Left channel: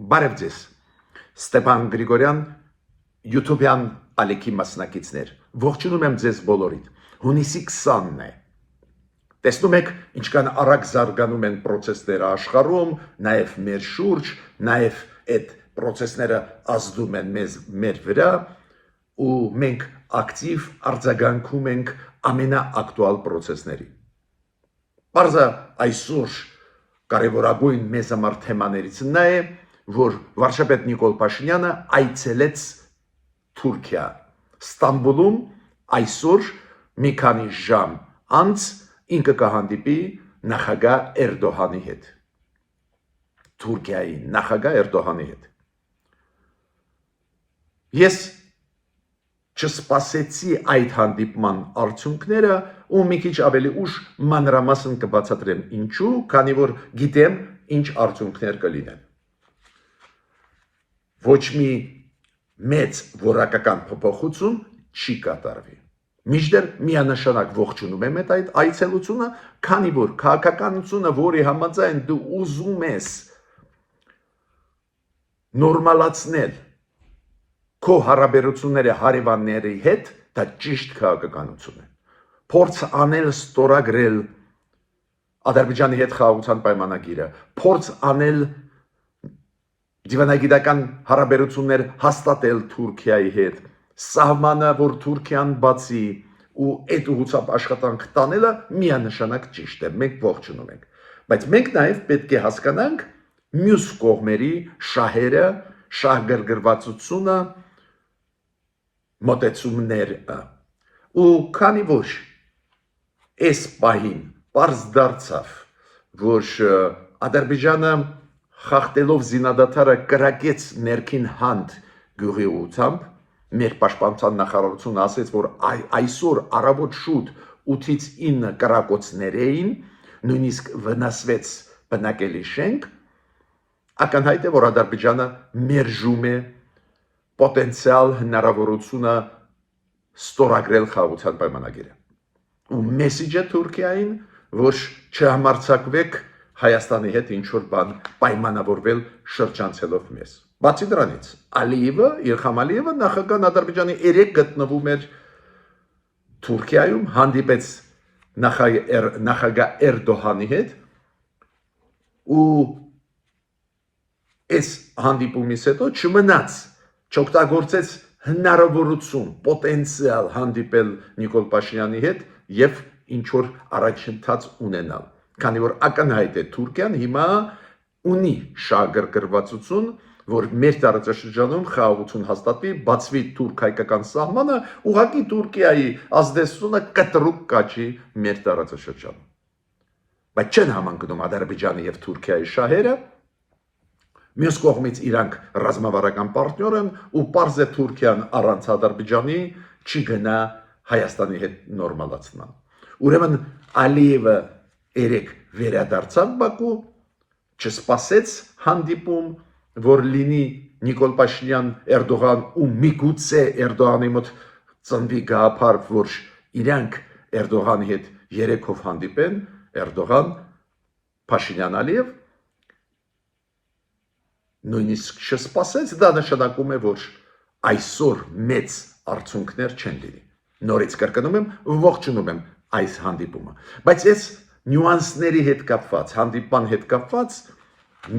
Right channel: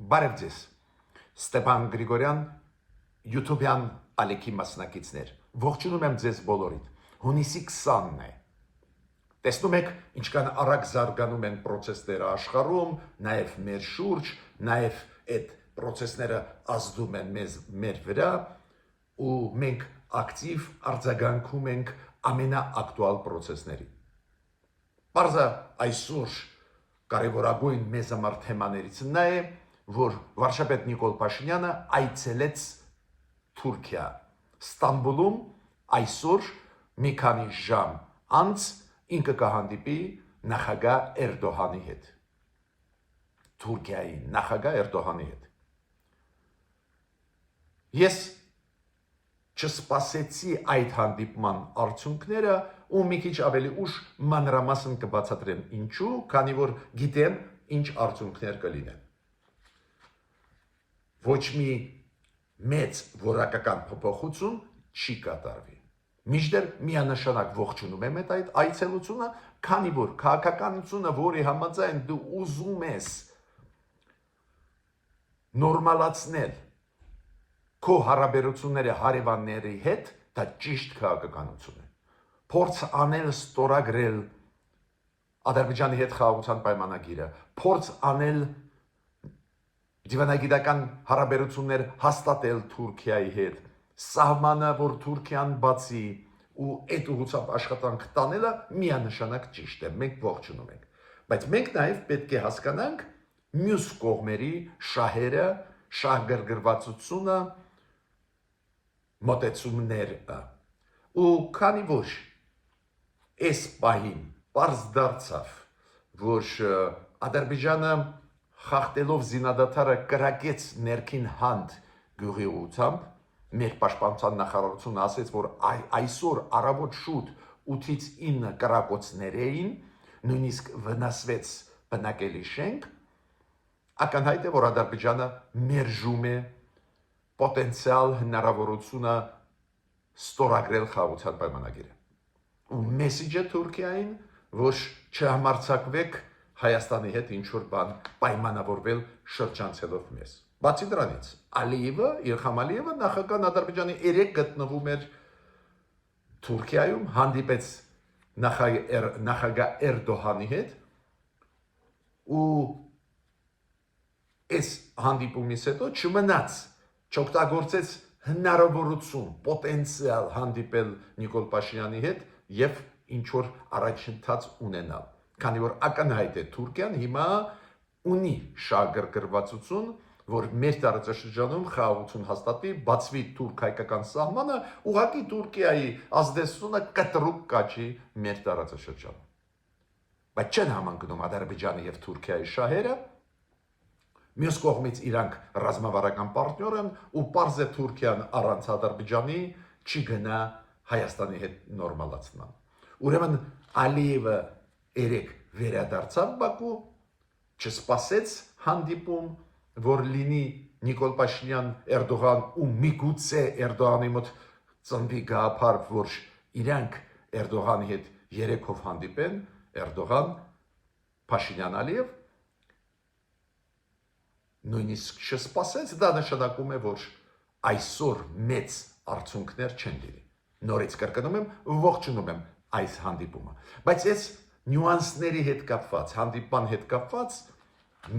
Բարև ձեզ, Ստեփան Գրիգորյան, YouTube-յան ալիքի մասնակիցներ, ողջունում եմ ձեզ բոլորիդ, հունիսի 20-ն է, տեսնում եք ինչքան արագ զարգանում են պրոցեսները աշխարհում, նաև մեր շուրջ, նաև այդ պրոցեսները ազդում են մեր վրա ու մենք ակտիվ արձագանքում ենք ամենաակտուալ պրոցեսներին։ Պարզա այսօր կարևորագույն մեզ համար թեմաներից նա է, որ վարչապետ Նիկոլ Փաշինյանը այցելեց Թուրքիա, Ստամբուլում այսօր մի քանի ժամ անց ինքը կհանդիպի նախագահ Էրդողանի հետ, Թուրքիայի նախագահ Էրդողանի հետ։ Ես չսպասեցի այդ հանդիպման արդյունքները ու մի քիչ ավելի ուշ մանրամասն կբացատրեմ ինչու, քանի որ գիտեմ ինչ արդյունքներ կլինեն։ Ոչ մի մեծ որակական փոփոխություն չի կատարվի։ Մինչդեռ միանշանակ ողջունում եմ այդ այցելությունը, քանի որ քաղաքականությունը, որի համաձայն դու ուզում ես նորմալացնել քո հարաբերությունները հարևանների հետ, դա ճիշտ քաղաքականություն է։ Փորձ անել ստորագրել Ադրբեջանի հետ խաղաղության պայմանագիրը, փորձ անել դիվանագիտական հարաբերություններ հաստատել Թուրքիայի հետ, սահմանը, որ Թուրքիան բացի ու այդ ուղղությամբ աշխատանք տանելը միանշանակ ճիշտ է, մենք ողջունում ենք։ Բայց մենք նաև պետք է հասկանանք մյուս կողմերի շահերը, շահգրգռվածությունը, մոտեցումները ու քանի որ այս պահին պարզ դարձավ, որ Ադրբեջանը խախտելով զինադադարը կրակեց ներքին հանդ գյուղի ուղղությամբ, մեր պաշտպանության նախարարությունը ասեց, որ այսօր առավոտ շուտ 8-ից 9 կրակոցներ էին, նույնիսկ վնասվեց բնակելի շենք, ակնհայտ է, որ Ադրբեջանը մերժում է պոտենցիալ հնարավորությունը ստորագրել խաղաղության պայմանագիրը։ Ու մեսիջը Թուրքիային, որ չհամարձակվեք Հայաստանի հետ ինչ-որ բան պայմանավորվել շրջանցելով մեզ։ Բացի դրանից, Իլհամ Ալիևը նախագահ Ադրբեջանի 3 գտնվում էր Թուրքիայում, հանդիպեց նախագահ Էրդողանի հետ ու այս հանդիպումից հետո չմնաց, չօգտագործեց հնարավորություն, պոտենցիալ հանդիպել Նիկոլ Փաշինյանի հետ եւ ինչ-որ առաջընթաց ունենալ։ Քանի որ ակնհայտ է Թուրքիան հիմա ունի շահգրգռվածություն, որ մեր տարածաշրջանում խաղաղություն հաստատվի, բացվի թուրք-հայկական սահմանը, ուղղակի Թուրքիայի ազդեցությունը կտրուկ կաճի մեր տարածաշրջանում։ Բայց չեն համընկնում Ադրբեջանի եւ Թուրքիայի շահերը, մյուս կողմից իրանք ռազմավարական պարտներ են ու պարզ է Թուրքիան առանց Ադրբեջանի չի գնա Հայաստանի հետ նորմալացման։ Ուրեմն Ալիևը երեք վերադարձավ Բաքու, չսպասեց հանդիպում, որ լինի Նիկոլ Փաշինյան Էրդողան ու միգուցե Էրդողանի մոտ ծնվի գաղափար, որ իրանք Էրդողանի հետ երեքով հանդիպեն, Էրդողան, Փաշինյան, Ալիև, նույնիսկ չսպասեց, դա նշանակում է, որ այսօր մեծ արդյունքներ չեն լինի։ Նորից կրկնում եմ, ողջունում եմ այս հանդիպումը։ Բայց այս նյուանսների հետ կապված, հանդիպման հետ կապված,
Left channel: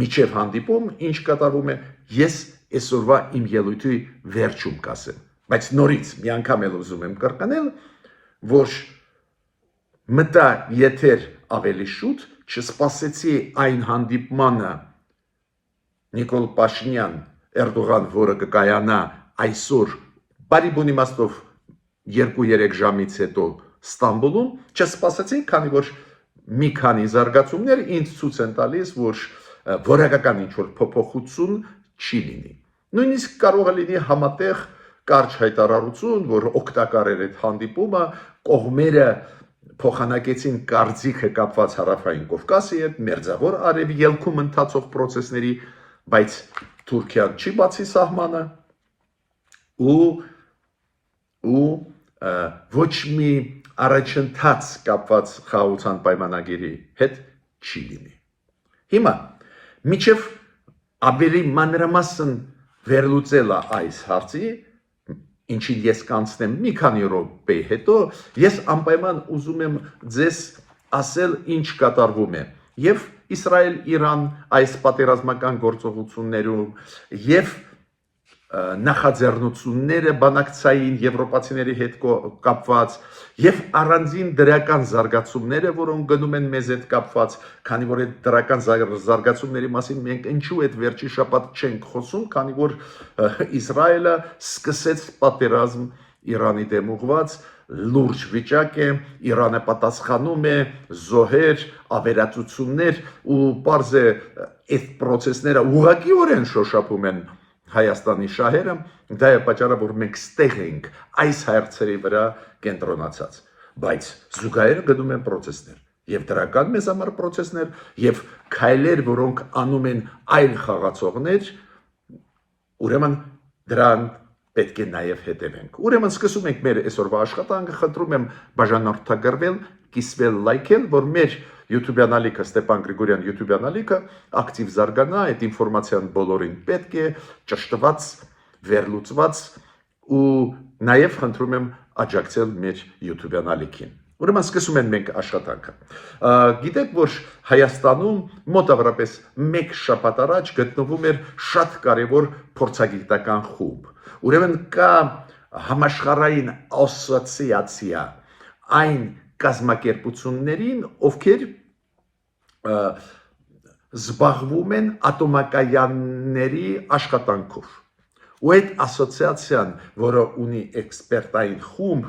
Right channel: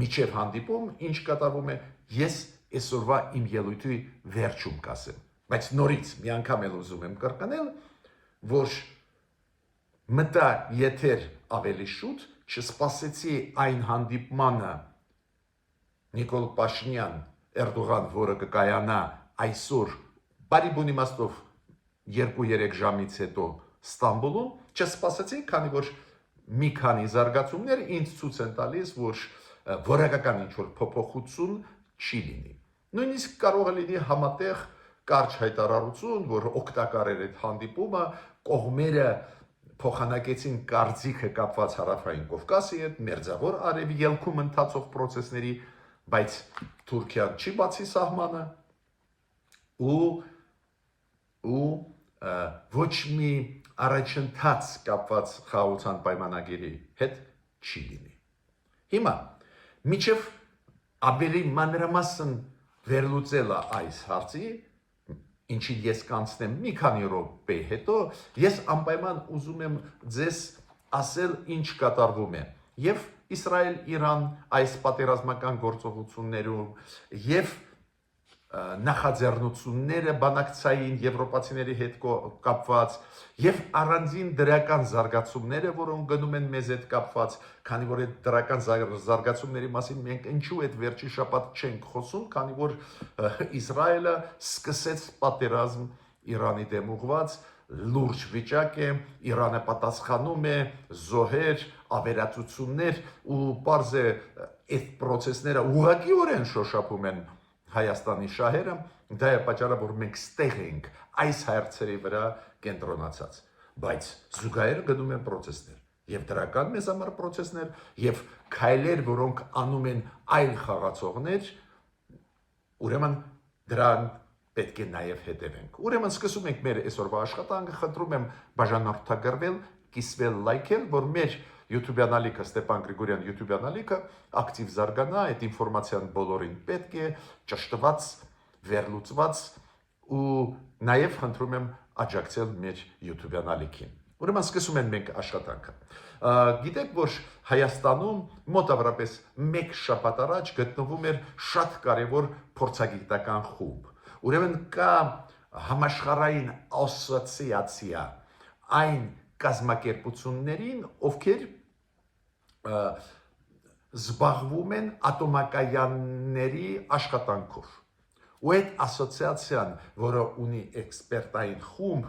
միջև հանդիպում, ինչ կատարվում է, ես այսօրվա իմ ելույթի վերջում կասեմ։ Բայց նորից մի անգամ էլ ուզում եմ կրկնել, որ մտա եթեր ավելի շուտ, չսպասեցի այն հանդիպմանը Նիկոլ Փաշինյան Էրդողան, որը կկայանա այսօր բարի բուն իմաստով 2-3 ժամից հետո Ստամբուլում, չսպասեցի, քանի որ մի քանի զարգացումներ ինձ ցույց են տալիս, որ որակական ինչ-որ փոփոխություն չի լինի։ Նույնիսկ կարող է լինի համատեղ կարճ հայտարարություն, որ օգտակար էր այդ հանդիպումը, կողմերը փոխանակեցին կարծիքը կապված Հարավային Կովկասի հետ, Մերձավոր Արևելքում ընթացող պրոցեսների, բայց Թուրքիան չի բացի սահմանը ու ոչ մի առաջընթաց կապված խաղաղության պայմանագիրի հետ չի լինի։ Հիմա միջև Ավելի մանրամասն վերլուծելա այս հարցի, ինչին ես կանցնեմ մի քանի րոպե հետո, ես անպայման ուզում եմ ձեզ ասել ինչ կատարվում է եւ Իսրայել-Իրան այս պատերազմական գործողություններում եւ նախաձեռնությունները բանակցային եվրոպացիների հետ կապված եւ առանձին դրական զարգացումները, որոնք գնում են մեզ հետ կապված, քանի որ այդ դրական զարգացումների մասին մենք ինչու այդ վերջի շաբաթ չենք խոսում, քանի որ Իսրայելը սկսեց պատերազմ Իրանի դեմ ուղղված, լուրջ վիճակ է, Իրանը պատասխանում է, զոհեր, ավերածություններ ու պարզ է այդ process-ները ուղղակիորեն շոշափում են Հայաստանի շահերը, դա է պատճառը, որ մենք ստեղ ենք այս հարցերի վրա կենտրոնացած, բայց զուգահեռ գնում են process-ներ, եւ դրական մեզ համար process-ներ, եւ քայլեր, որոնք անում են այլ խաղացողներ, ուրեմն դրան պետք է նաև հետևենք։ Ուրեմն սկսում ենք մեր այսօրվա աշխատանքը, խնդրում եմ բաժանորդագրվել, կիսվել, լայքել, որ մեր YouTube-յան ալիքը Ստեփան Գրիգորյան YouTube-յան ալիքը ակտիվ զարգանա, այդ ինֆորմացիան բոլորին պետք է ճշտված, վերլուծված ու նաև խնդրում եմ աջակցել մեր YouTube-յան ալիքին։ Ուրեմն սկսում ենք մենք աշխատանքը։ Գիտեք, որ Հայաստանում մոտավորապես 1 շաբաթ առաջ գտնվում էր շատ կարևոր փորձագիտական խումբ։ Ուրեմն կա համաշխարհային ասոցիացիա այն կազմակերպություններին, ովքեր զբաղվում են ատոմակայանների աշխատանքով։ Ու այդ ասոցիացիան, որը ունի էքսպերտային խումբ,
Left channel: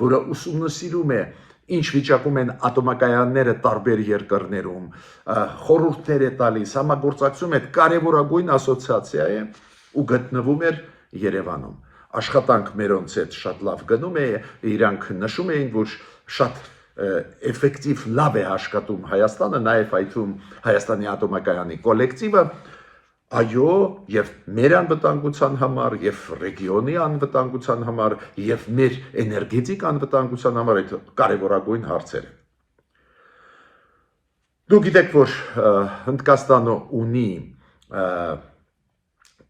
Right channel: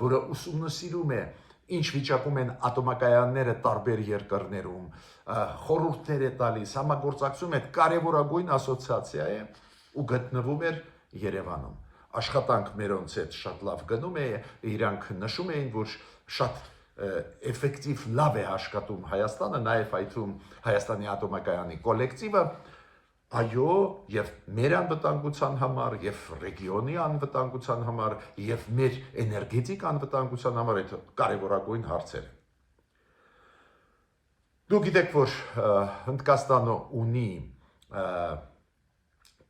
որը ուսումնասիրում է ինչ վիճակում են ատոմակայանները տարբեր երկրներում, խորհուրդներ է տալիս, համագործակցում է, կարևորագույն ասոցիացիա է ու գտնվում էր Երևանում։ Աշխատանք մերոնց հետ շատ լավ գնում է, իրանք նշում էին, որ շատ էֆեկտիվ լավ է աշխատում Հայաստանը, նաև այդում Հայաստանի ատոմակայանի կոլեկտիվը, այո, եւ մեր անվտանգության համար, եւ ռեգիոնի անվտանգության համար, եւ մեր էներգետիկ անվտանգության համար այդ կարևորագույն հարցեր են։ Դուք գիտեք, որ Հնդկաստանը ունի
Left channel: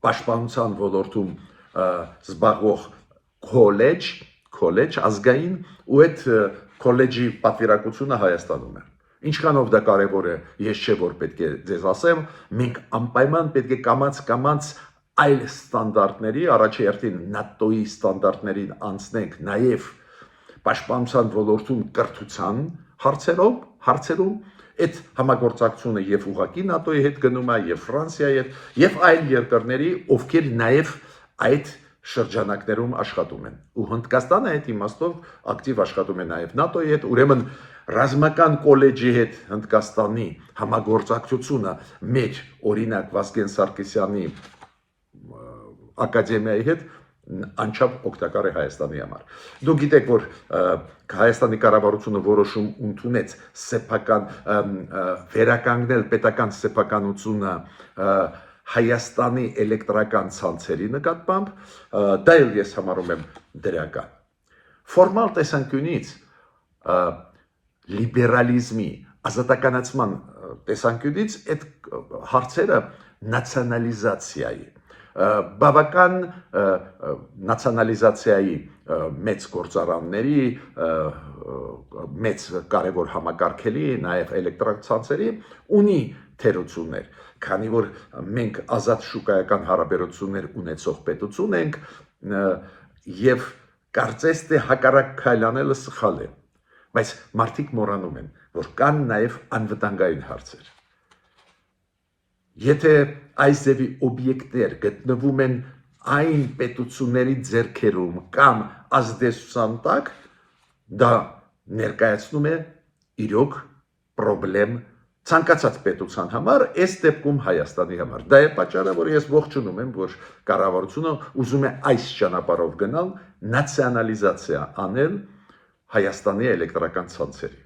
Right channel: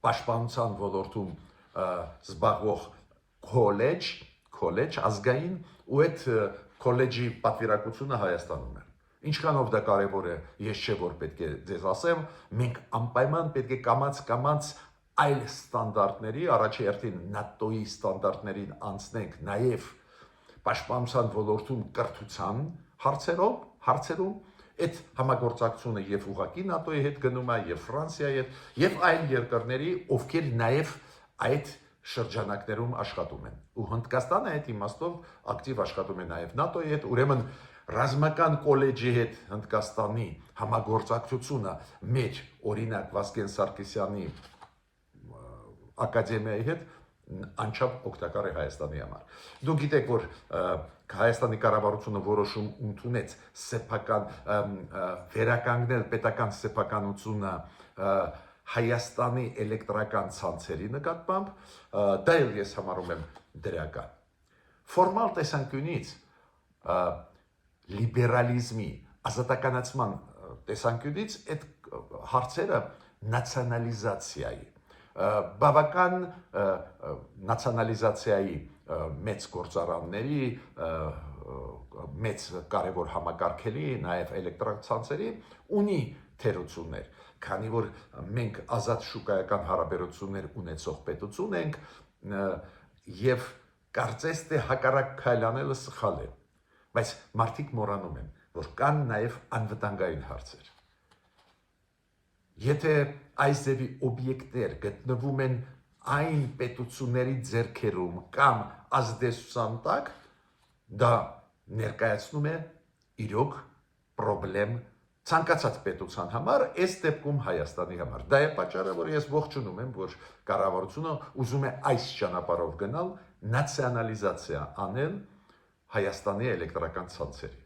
պաշտպանության ոլորտում զբաղվող քոլեջ ազգային ու այդ քոլեջի պատվիրակությունը Հայաստանում է։ Ինչքանով դա կարևոր է, ես չէ որ պետք է ձեզ ասեմ, մենք անպայման պետք է կամաց այլ ստանդարտների, առաջերտին ՆԱՏՕ-ի ստանդարտներին անցնենք նաև պաշտպանության ոլորտում կրթության հարցերում, այդ համագործակցությունը եւ ուղղակի ՆԱՏՕ-ի հետ գնում է, եւ Ֆրանսիայի հետ, եւ այլ երկրների, ովքեր նաև այդ շրջանակներում աշխատում են։ Ու Հնդկաստանը այդ իմաստով ակտիվ աշխատում է նաև ՆԱՏՕ-ի հետ, ուրեմն ռազմական կոլեջի հետ Հնդկաստանի համագործակցությունը մեր օրինակ Վազգեն Սարգսյանի ակադեմիայի հետ անչափ օգտակար է Հայաստանի համար։ Դուք գիտեք, որ Հայաստանի կառավարությունը որոշում ընդունեց սեփական վերականգնել պետական սեփականությունը Հայաստանի էլեկտրական ցանցերի նկատմամբ, դա էլ ես համարում եմ դրական։ Ֆորմալ տեսանկյունից լիբերալիզմի, ազատականացման տեսանկյունից այդ հարցերը նացիոնալիզացիայի, բավական նացիոնալիզացիայի մեծ գործարանների, մեծ կարևոր համակարգերի, նաև էլեկտրացանցերի ունի թերություններ, քանի որ մենք ազատ շուկայական հարաբերություններ ունեցող պետություն ենք եւ կարծես թե հակառակ քայլանելը սխալ է, բայց մարդիկ մոռանում են, որ կան նաև անվտանգային հարցեր։ Եթե այս ձևի օբյեկտներ գտնվում են այն պետությունների ձեռքերում կամ ազդեցության տակ, դա ներկայացնում է իրոք պրոբլեմ ցանկացած պետության համար, այս դեպքում Հայաստանի համար։ Դա է պատճառը, որ ես ողջունում եմ, որ կառավարությունը ուզում է այս ճանապարհով գնալ, նացիոնալիզացիա անել Հայաստանի էլեկտրական ցանցերի։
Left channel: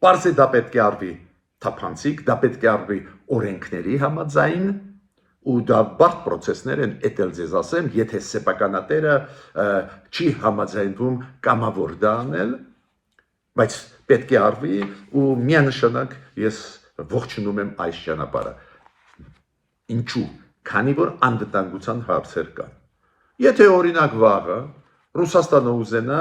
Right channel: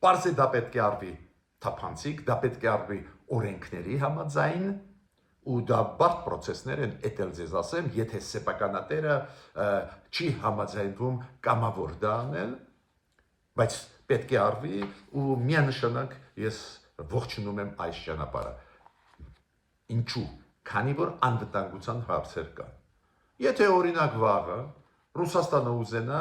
Պարզ է դա պետք է արվի թափանցիկ, դա պետք է արվի օրենքների համաձայն, ու դա բարդ process-ներ են, էտել ձեզ ասեմ, եթե սեփականատերը չի համաձայնվում կամավոր դա անել, բայց պետք է արվի ու միանշանակ ես ողջունում եմ այս ճանապարհը։ Ինչու՞։ Քանի որ անվտանգության հարցեր կան։ Եթե օրինակ վաղը Ռուսաստանը ուզենա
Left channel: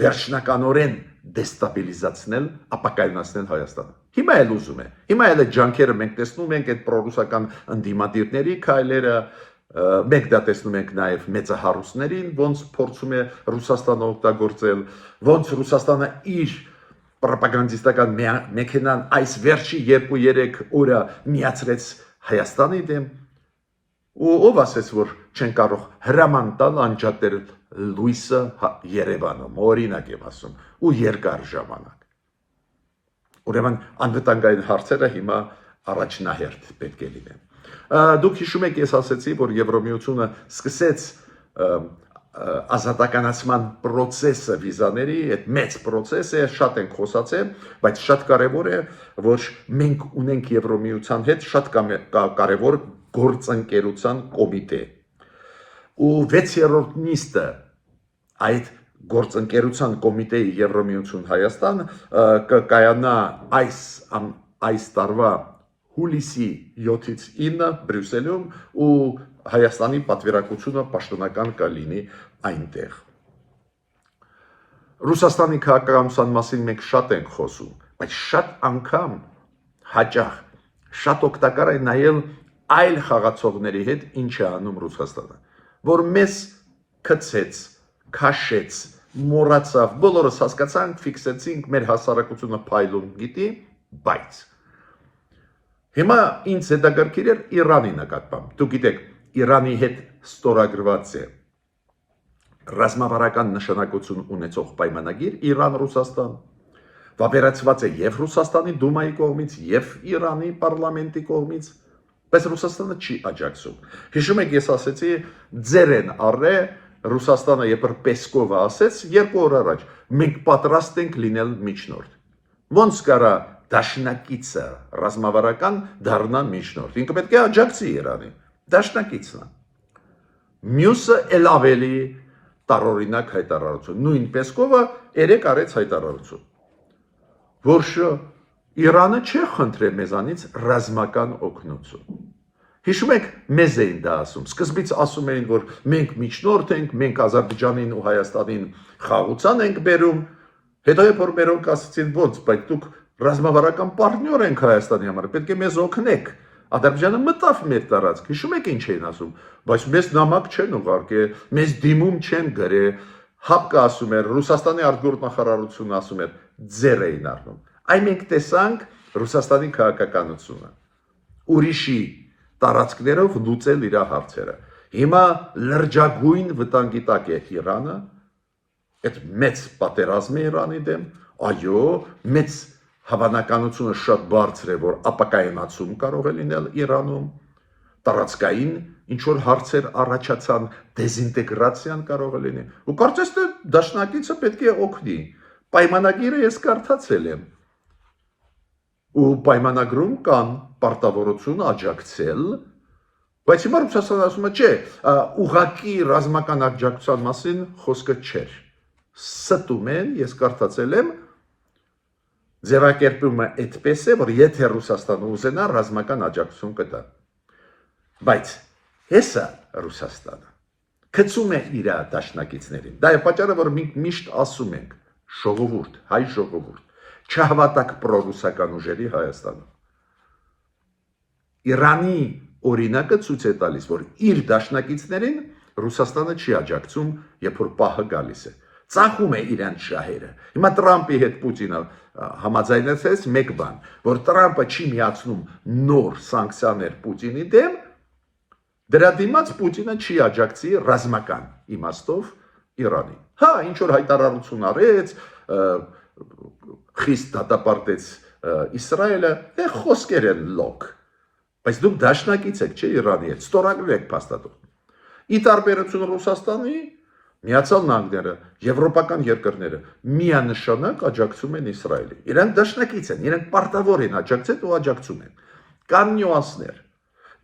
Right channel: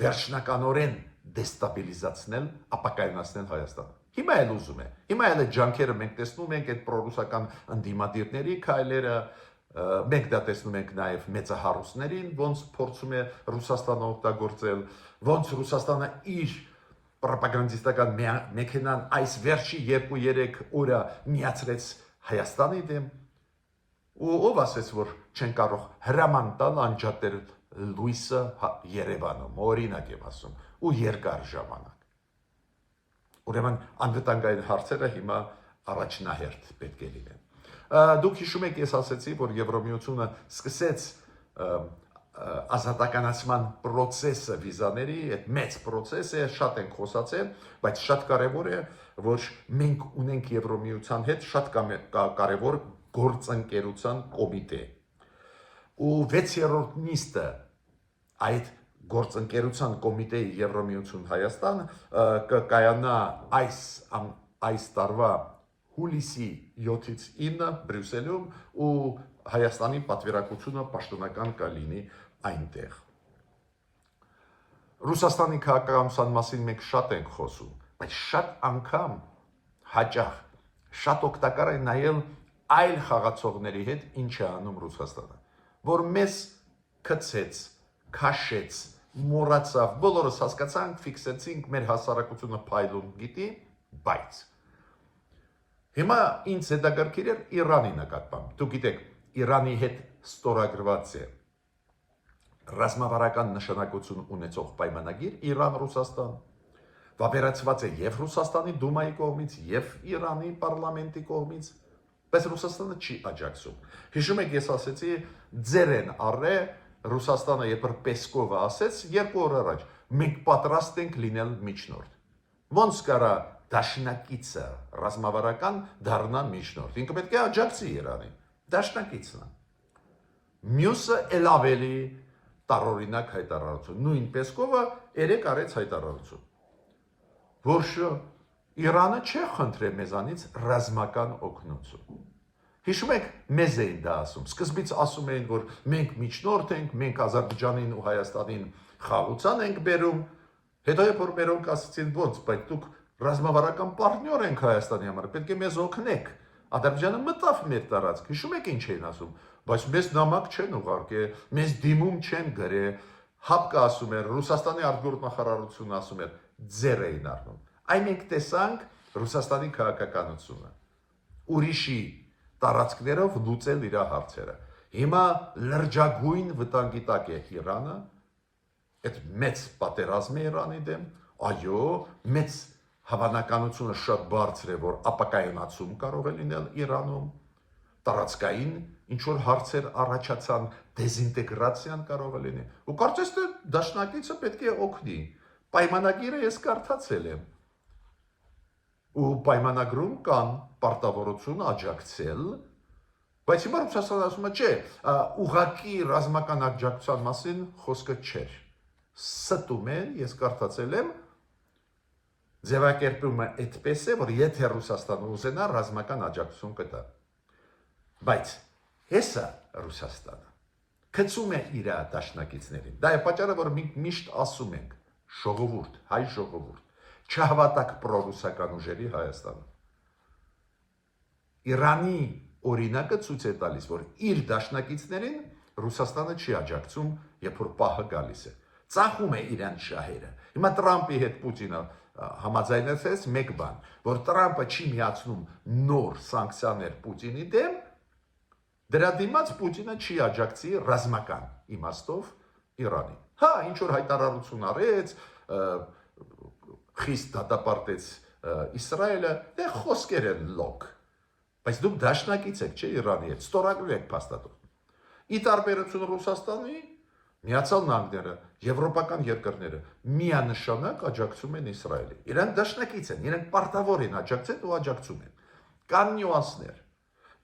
վերջնականորեն դեստաբիլիզացնել, ապակայունացնել Հայաստանը։ Հիմա էլ ուզում է։ Հիմա էլ այդ ջանքերը մենք տեսնում ենք այդ պրոռուսական ընդդիմադիրների քայլերը, մենք դա տեսնում ենք նաև մեծահարուստներին, ոնց փորձում է Ռուսաստանը օգտագործել, ոնց Ռուսաստանը իր պրոպագանդիստական մեքենան այս վերջի 2-3 օրը միացրեց Հայաստանի դեմ, ու ով ասեց, որ չեն կարող հրաման տալ անջատել լույսը Երևանում, օրինակ եմ ասում, ու երկար ժամանակ։ Ուրեմն անվտանգային հարցերը հիմա առաջնահերթ պետք է լինեն։ Դուք հիշում եք, ես ասեցի, որ Եվրոմիությունը սկսեց ազատականացման process-ը վիզաների, այդ մեծ process-ը շատ ենք խոսացել, բայց շատ կարևոր է, որ մենք ունենք Եվրոմիության հետ շատ կարևոր գործընկերության կոմիտե։ Ու 6-րդ նիստը այդ գործընկերության կոմիտեի Եվրոմիություն Հայաստան կկայանա այս տարվա հուլիսի 7-ից 9 Բրյուսելում ու Հայաստանի պատվիրակությունը պաշտոնական կլինի այնտեղ։ Ռուսաստանի քաղաքականության մասին մենք շատ ենք խոսում, բայց շատ անգամ հաճախ շատ օգտակար է նայել այլ խաղացողների հետ ինչ է անում Ռուսաստանը, որ մեզ քցեց, քաշեց, մոռացավ, բոլորս հասկացանք, ֆիքսեցինք, մեր հասարակությունը փայլուն գիտի, բայց հիմա ինձ հետաքրքիր էր Իրանի նկատմամբ։ Դուք գիտեք, Իրանի հետ ստորագրված է ռազմավարական նշանակություն ունեցող պայմանագիր Իրան-Ռուսաստան, վավերացված է եւ Ռուսաստանի Դումայի կողմից, եւ Իրանի պարլամենտի կողմից, բայց Ռուսաստանը չի աջակցում։ Հիշում եք, ես ասեցի, ձեր են առե Ռուսաստանը երբ Պեսկովը ասեց 2 օր առաջ, մենք պատրաստ ենք լինել միջնորդ։ Ոնց կարա դաշնակիցը ռազմավարական դառնա միջնորդ։ Ինքը պետք է աջակցի Իրանին։ Դաշնակիցն է։ Մյուսը էլ ավելի տարօրինակ հայտարարություն։ Նույն Պեսկովը 3 արեց հայտարարություն, որ Իրանը չի խնդրել մեզանից ռազմական օգնություն։ Հիշում եք, մեզ էին դա ասում։ Սկզբից ասում էին, որ մենք միջնորդ ենք, մենք Ադրբեջանին ու Հայաստանին խաղաղության ենք բերում, հետո երբ որ մերոնք ասացին, ոնց, բայց դուք ռազմավարական պարտներ ենք Հայաստանի համար, պետք է մեզ օգնեք։ Ադրբեջանը մտավ մեր տարածք, հիշում եք ինչ էին ասում, բայց մեզ նամակ չեն ուղարկել, մեզ դիմում չեն գրել, հապկը ասում էր, Ռուսաստանի արտգործնախարարությունը ասում էր, ձեր էին առնում։ Այ մենք տեսանք Ռուսաստանի քաղաքականությունը, ուրիշի տարածքներով լուծել իր հարցերը։ Հիմա լրջագույն վտանգի տակ է Իրանը, այդ մեծ պատերազմ է Իրանի դեմ, այո, մեծ հավանականությունը շատ բարձր է, որ ապակայունացում կարող է լինել Իրանում, տարածքային ինչ որ հարցեր առաջացան, դեզինտեգրացիան կարող է լինի։ Ու կարծես թե դաշնակիցը պետք է օգնի։ Պայմանագիրը ես կարդացել եմ։ Ու պայմանագրում կան պարտավորություն աջակցել, բայց հիմա Ռուսաստանը ասում է, չէ, ուղղակի ռազմական աջակցության մասին խոսքը չէր։ Ստում են, ես կարդացել եմ, ձևակերպումը այդպես է, որ եթե Ռուսաստանը ուզենա ռազմական աջակցություն կտա։ Բայց հեսա Ռուսաստանը գցում է իր դաշնակիցներին։ Դա է պատճառը, որ մենք միշտ ասում ենք, ժողովուրդ, հայ ժողովուրդ, չհավատակ պրոռուսական ուժերի Հայաստանում։ Իրանի օրինակը ցույց է տալիս, որ իր դաշնակիցներին Ռուսաստանը չի աջակցում, երբ որ պահը գալիս է։ Ծախում է իրանց շահերը։ Հիմա Տրամպի հետ Պուտինը համաձայնեցեց մեկ բան, որ Տրամպը չի միացնում նոր սանկցիաներ Պուտինի դեմ, դրա դիմաց Պուտինը չի աջակցի ռազմական իմաստով Իրանին։ Հա, ինչ որ հայտարարություն արեց, խիստ դատապարտեց Իսրայելը, դե խոսքեր են լոկ։ Բայց դուք դաշնակից եք, չէ, Իրանի հետ, ստորագրել եք փաստաթուղթ։ Ի տարբերություն Ռուսաստանի, Միացյալ Նահանգները, եվրոպական երկրները միանշանակ աջակցում են Իսրայելին։ Իրանք դաշնակից են, իրենք պարտավոր են աջակցել ու աջակցում են։ Կան նյուանսներ։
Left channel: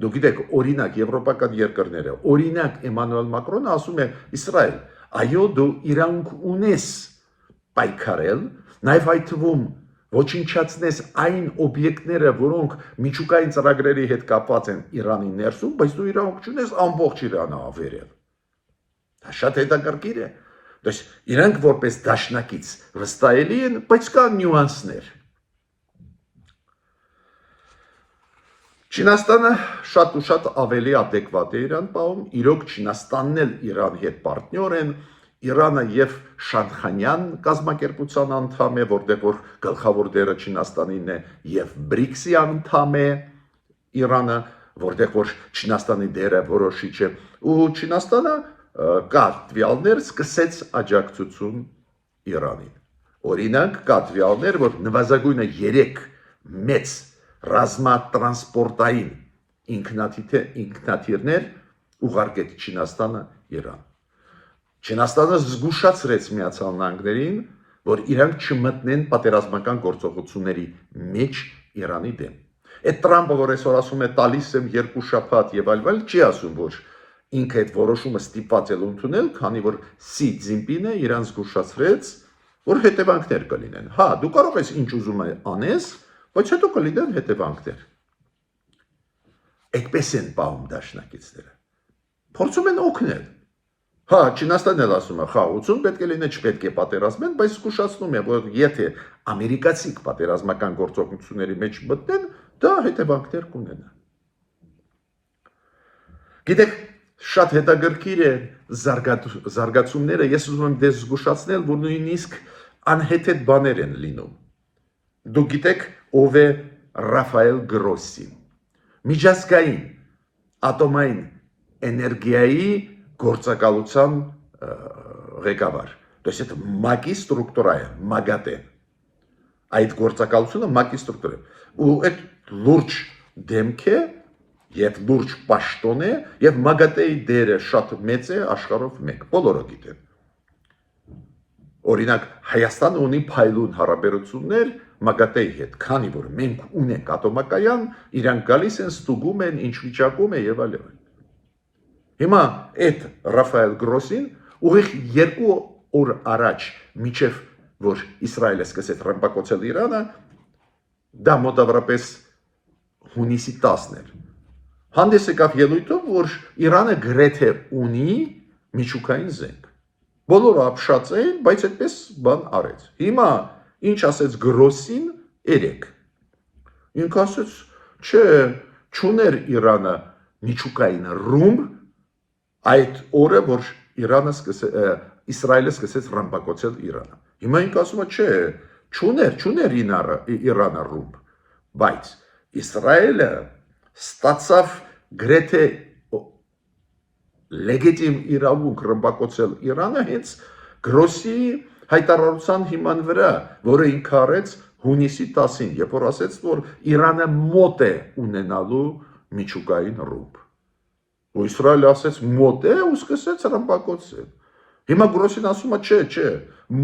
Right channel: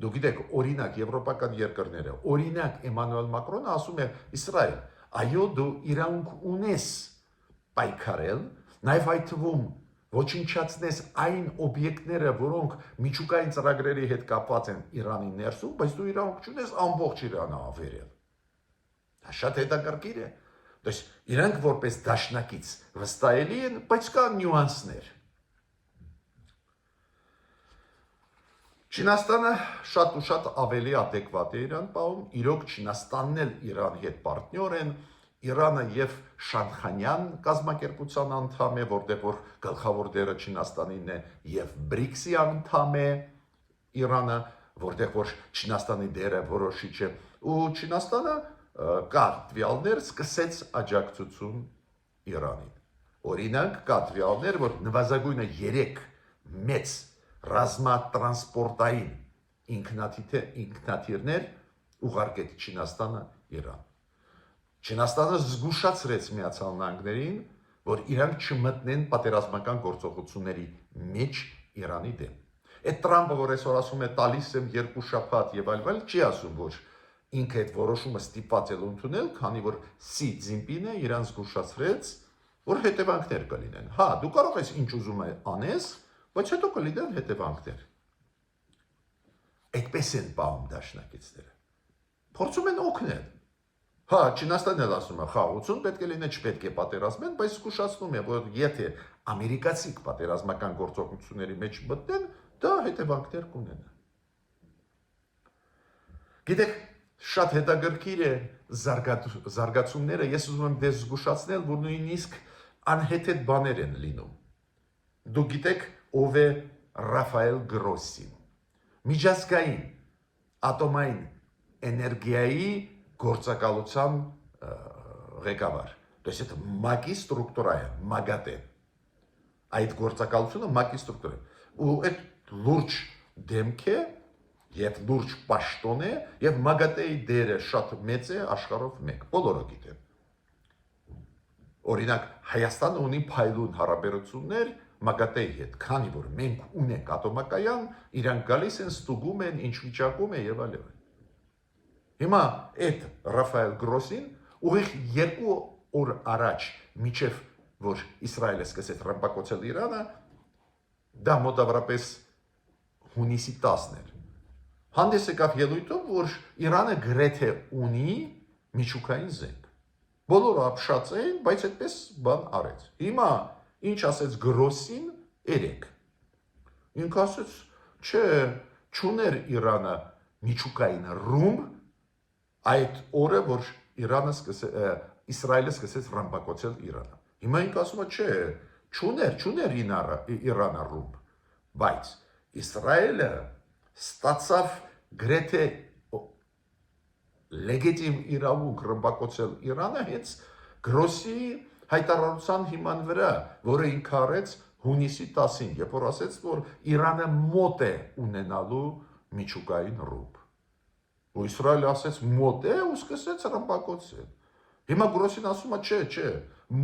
Դուք գիտեք, օրինակ եվրոպական երկրները, օրինակ Էմանուել Մակրոնը ասում է Իսրայել, այո, դու իրանք ունես պայքարել, նաև այդ թվում ոչնչացնես այն օբյեկտները, որոնք միջուկային ծրագրերի հետ կապված են Իրանի ներսում, բայց դու իրավունք չունես ամբողջ Իրանը ավերել։ Դա շատ հետաքրքիր է։ Դες իրանք որպես դաշնակից վստահելի են, բայց կա նյուանսներ։ Չինաստանը շատ ու շատ ավելի adekvat է Իրան պահում, իրոք Չինաստանն էլ Իրանի հետ պարտնյոր են, Իրանը եւ Շանխանյան կազմակերպության անդամ է, որտեղ որ գլխավոր դերը Չինաստանին է եւ BRICS-ի անդամ է Իրանը, որտեղ որ Չինաստանի դերը որոշիչ է, ու Չինաստանը կա տվյալներ սկսեց աջակցություն Իրանին։ Օրինակ կա տվյալներ, որ նվազագույնը 3 մեծ ռազմատրանսպորտային ինքնաթիռներ ուղարկեց Չինաստանը Իրան։ Չինաստանը զգուշացրեց Միացյալ Նահանգներին, որ իրանք չմտնեն պատերազմական գործողությունների մեջ Իրանի դեմ։ Այդ Տրամպը, որ այսօր ասում է տալիս եմ 2 շաբաթ եւ այլ, չի ասում, որ ինքը այդ որոշումը ստիպված է ընդունել, քանի որ Սի Ցզինպինը իրան զգուշացրեց, որ հետևանքներ կլինեն։ Հա, դու կարող ես ինչ ուզում անես, բայց հետո կլինեն հետևանքներ։ Այդպես են պահում դաշնակիցները։ Փորձում են օգնել։ Հա, Չինաստանն էլ ասում է, խաղաղություն պետք է լինի, չպետք է պատերազմեն, բայց զգուշացնում է, որ եթե ամերիկացիք պատերազմական գործողությունների մեջ մտնեն, դա հետևանքներ կունենա։ Գիտեք, շատ հետաքրքիր է զարգացումները, ես ուզում եմ դες զգուշացնել, որ նույնիսկ անհեթեթ բաներ են լինում։ Դուք գիտեք, ով է Ռաֆայել Գրոսին, միջազգային ատոմային էներգիայի գործակալության ղեկավար։ То есть это ՄԱԿ-ի ստրուկտուրա է, ՄԱԳԱՏԵ։ Այդ գործակալությունը ՄԱԿ-ի ստրուկտուրա է։ Ու այդ լուրջ դեմք է եւ լուրջ պաշտոն է եւ ՄԱԳԱՏԵ-ի դերը շատ մեծ է աշխարհով մեկ, բոլորը գիտեն։ Օրինակ Հայաստանը ունի փայլուն հարաբերություններ ՄԱԳԱՏԵ-ի հետ, քանի որ մենք ունենք ատոմակայան, իրանք գալիս են, ստուգում են, ինչ վիճակում է եւ այլն։ Հիմա այդ Ռաֆայել Գրոսին ուղիղ 2 օր առաջ միջև որ Իսրայելը սկսեց ռմբակոծել Իրանը, դա մոտավորապես հունիսի 10-ն էր։ Հանդես եկավ ելույթով, որ Իրանը գրեթե ունի միջուկային զենք։ Բոլորը ապշած էին, բայց այդպես բան արեց։ Հիմա ինչ ասեց Գրոսին 3։ Ինքը ասեց, չէ, չուներ Իրանը միջուկային ռումբ այդ օրը, որ Իսրայելը սկսեց ռմբակոծել Իրանը։ Հիմա ինքը ասում է, չէ, չուներ Իրանը ռումբ, բայց Իսրայելը ստացավ գրեթե լեգիտիմ իրավունք ռմբակոծել Իրանը հենց Գրոսի հայտարարության հիման վրա, որը ինքը արեց հունիսի 10-ին, երբ որ ասեց, որ Իրանը մոտ է ունենալու միջուկային ռումբ։ Ու Իսրայելը ասեց մոտ է ու սկսեց ռմբակոծել։ Հիմա Գրոսին ասում է, չէ,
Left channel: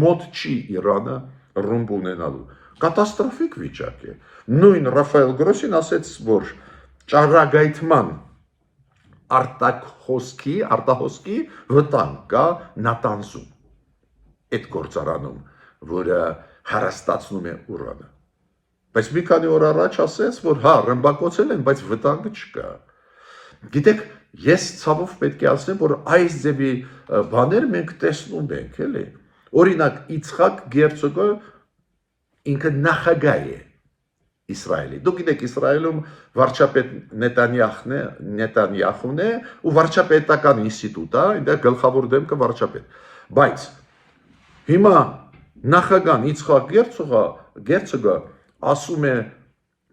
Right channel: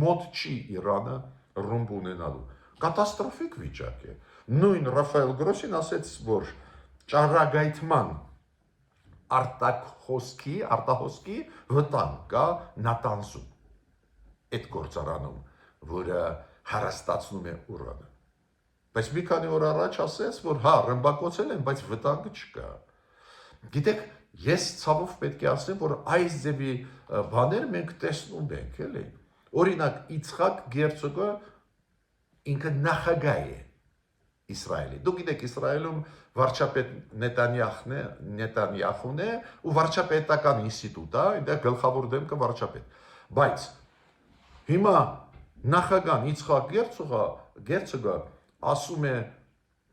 մոտ չի Իրանը ռումբ ունենալու։ Կատաստրոֆիկ վիճակ է։ Նույն Ռաֆայել Գրոսին ասեց, որ ճառագայթման արտահոսքի վտանգ կա Նատանզում, այդ գործարանում, որը հարստացնում է ուրանը։ Բայց մի քանի օր առաջ ասեց, որ հա, ռմբակոծել են, բայց վտանգ չկա։ Գիտեք, ես ցավով պետք է ասեմ, որ այս ձևի բաներ մենք տեսնում ենք, էլի։ Օրինակ, Իցխակ Գերցոգը ինքը նախագահ է Իսրայելի։ Դուք գիտեք, Իսրայելում վարչապետ Նետանյախուն է ու վարչապետական ինստիտուտ է, այնտեղ գլխավոր դեմքը վարչապետ։ Բայց հիմա նախագահ Իցխակ Գերցոգը ասում է,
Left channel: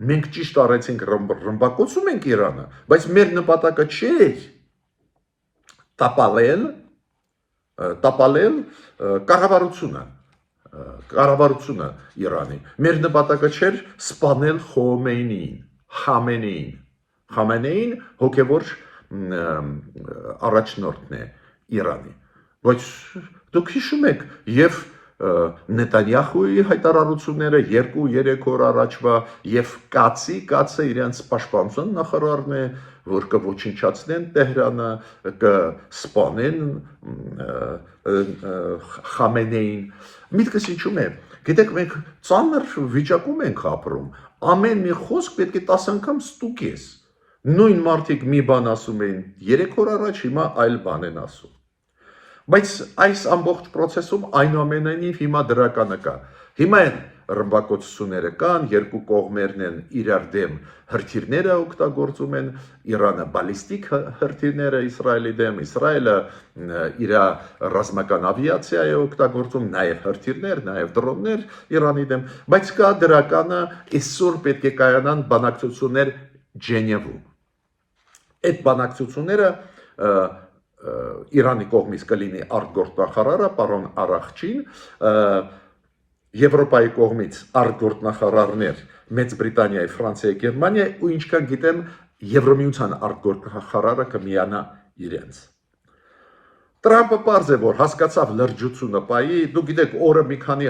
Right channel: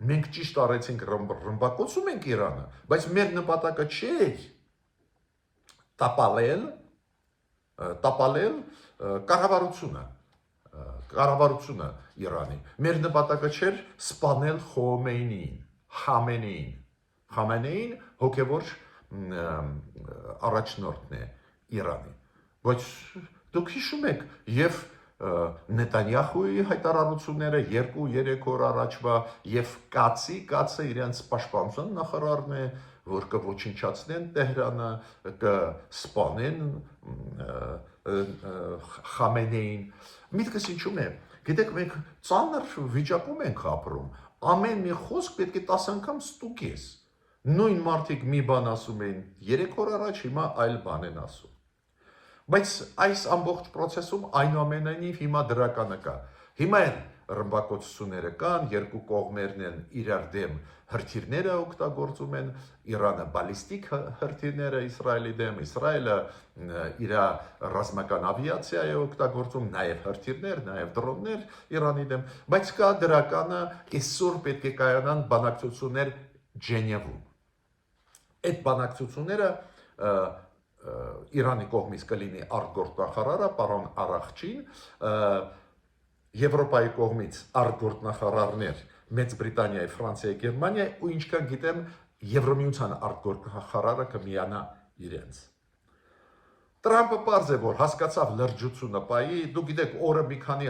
մենք ճիշտ արեցինք ռմբակոծում ենք Իրանը, բայց մեր նպատակը չէր տապալել կառավարությունը Իրանի։ Մեր նպատակը չէր սպանել Խամենեին հոգևոր առաջնորդն է Իրանի։ Բայց դուք հիշում եք եւ Նետանյախուի հայտարարությունները 2-3 օր առաջվա եւ Կացը իրենց պաշտպանության նախարարն է, որ կոչնչացնեն Տեհրանը, կսպանեն Խամենեին։ Միտքս ինչու՞մ է։ Գիտեք, մենք ծանր վիճակում ենք ապրում։ Ամեն մի խոսք պետք է 10 անգամ ստուգես։ Նույն մարդիկ մի բան ասում էին 3 օր առաջ, հիմա այլ բան են ասում։ Բայց այս ամբողջ process-ում այնուամենայնիվ հիմա դրականը կա։ Հիմա են ռմբակոծությունները կան, երկու կողմերն են իրար դեմ հրթիռները օգտագործում են, Իրանը բալիստիկ հրթիռները Իսրայելի դեմ, Իսրայելը իր ռազմական ավիացիա է օգտագործում, նաև հրթիռներ, նաև դրոններ Իրանի դեմ, բայց կա դրականը, այսօր պետք է կայանան բանակցություններ Ջենևում։ Այդ բանակցությունները Իրանի կողմից կլինի արտգործնախարարը պարոն Արախչին, Եվրոպայի կողմից արտգործնախարարներ Մեծ Բրիտանիայի, Ֆրանսիայի, Գերմանիայի ու ինչքան գիտեմ Եվրոմիության արտգործնախարարը կմիանա իրենց։ Տրամպը պարզ է, որ հասկացավ լրջությունը պայի, դու գիտեք օրը մի քանի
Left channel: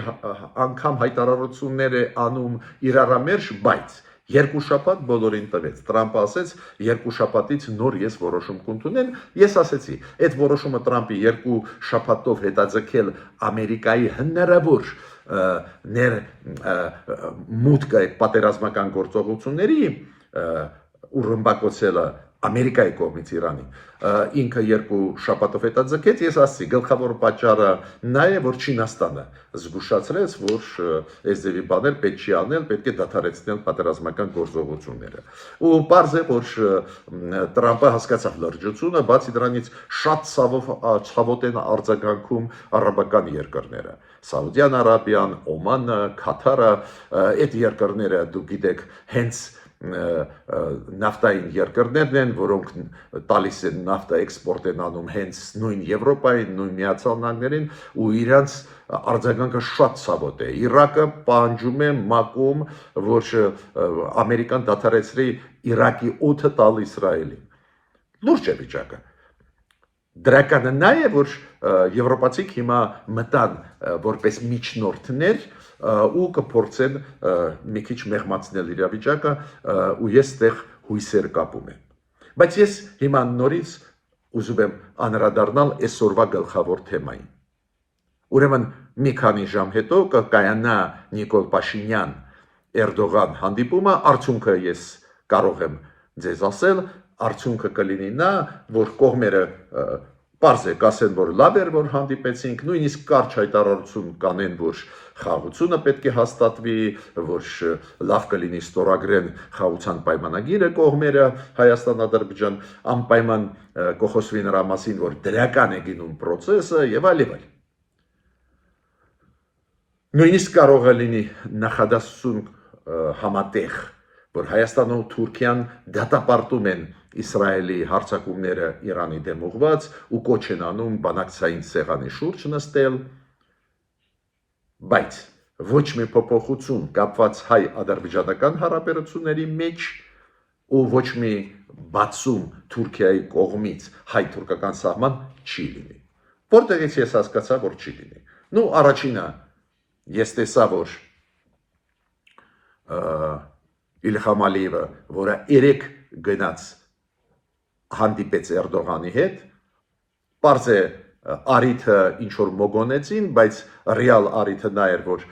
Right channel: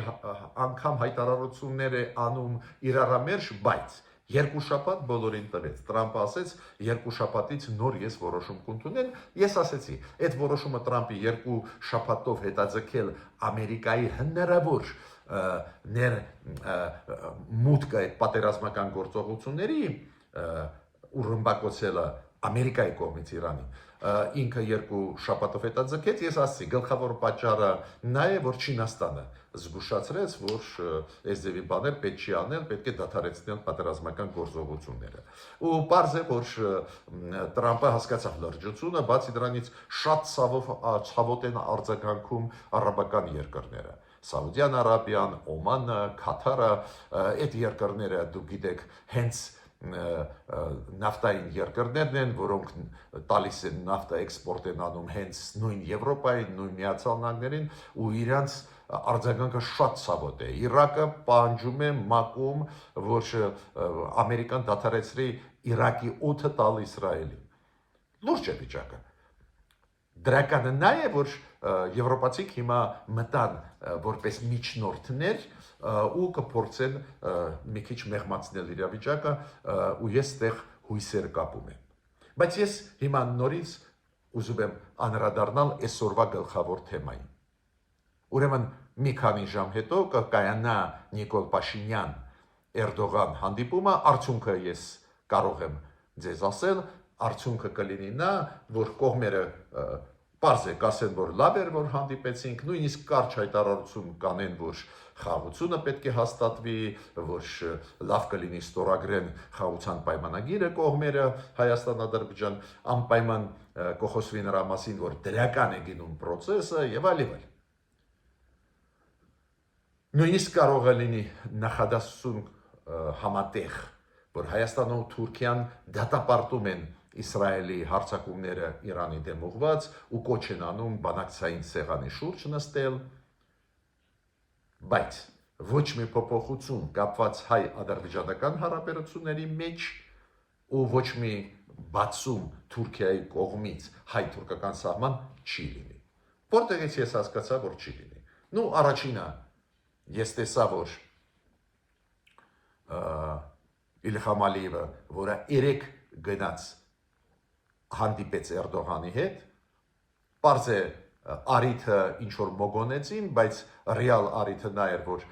անգամ հայտարարություններ է անում իրարամերժ, բայց երկու շաբաթ բոլորին տվեց։ Տրամպը ասեց, երկու շաբաթից նոր ես որոշում կընդունեմ։ Ես ասեցի, այդ որոշումը Տրամպի երկու շաբաթով հետաձգել Ամերիկայի հնարավոր մուտքը այդ պատերազմական գործողությունների ու ռմբակոծելը Ամերիկայի կողմից Իրանի ինքը երկու շաբաթով հետաձգեց, ես ասացի, գլխավոր պատճառը նա է, որ Չինաստանը զգուշացրեց, որ այս ձևի բաներ պետք չի անել, պետք է դադարեցնել պատերազմական գործողությունները։ Ու պարզ է, որ Տրամպը հասկացավ լրջությունը, բացի դրանից շատ ցավոտ են արձագանքում արաբական երկրները։ Սաուդյան Արաբիան, Օմանը, Քաթարը, այդ երկրները դուք գիտեք, հենց նավթային երկրներն են, որոնք տալիս են նավթա էքսպորտ են անում հենց նույն Եվրոպային, նույն Միացյալ Նահանգներին ու իրանց արձագանքը շատ ցավոտ է։ Իրաքը պահանջում է մակում, որ Ամերիկան դադարեցրի Իրաքի օդը տալ Իսրայելին։ Լուրջ է վիճակը։ Դրականը նա է, որ եվրոպացիք հիմա մտան որպես միջնորդներ ու կփորձեն մի քիչ մեղմացնել իրավիճակը ու ես այդտեղ հույսեր կապում եմ։ Բայց ես հիմա նորից ուզում եմ անդրադառնալ այսօրվա գլխավոր թեմային։ Ուրեմն մի քանի ժամ հետո կկայանա Նիկոլ Փաշինյան Էրդողան հանդիպումը, արդյունքը ես կարող եմ ձեզ ասել, արդյունքը կլինի նա, որ կողմերը պարզ է կասեն, որ լավ էր, որ հանդիպեցինք, նույնիսկ կարճ հայտարարություն կանեն, որ խաղաղությունը պետք է հաստատվի, որ լավ կլինի ստորագրեն խաղաղության պայմանագիրը կողմերը Հայաստան-Ադրբեջան, անպայման կխոսվի նրա մասին, որ դրական է գնում process-ը եւ այլ եւ այլ։ Նույնիսկ կարող է լինի նախադասություն համատեղ, որ Հայաստանն ու Թուրքիան դատապարտում են Իսրայելի հարձակումները Իրանի դեմ ուղղված ու կոչ են անում բանակցային սեղանի շուրջ նստել, բայց ոչ մի փոփոխություն կապված հայ-ադրբեջանական հարաբերությունների մեջ ու ոչ մի բացում Թուրքիայի կողմից հայ-թուրքական սահման չի լինի։ Որտեղից ես հասկացա, որ չի լինի։ Ну, առաջինը ես տեսա, որ Իլհամ Ալիևը, որը 3 գնաց հանդիպեց Էրդողանի հետ, պարզ է արիթը ինչ որ մոգոնեցին, բայց ռեալ արիթը նա էր, որ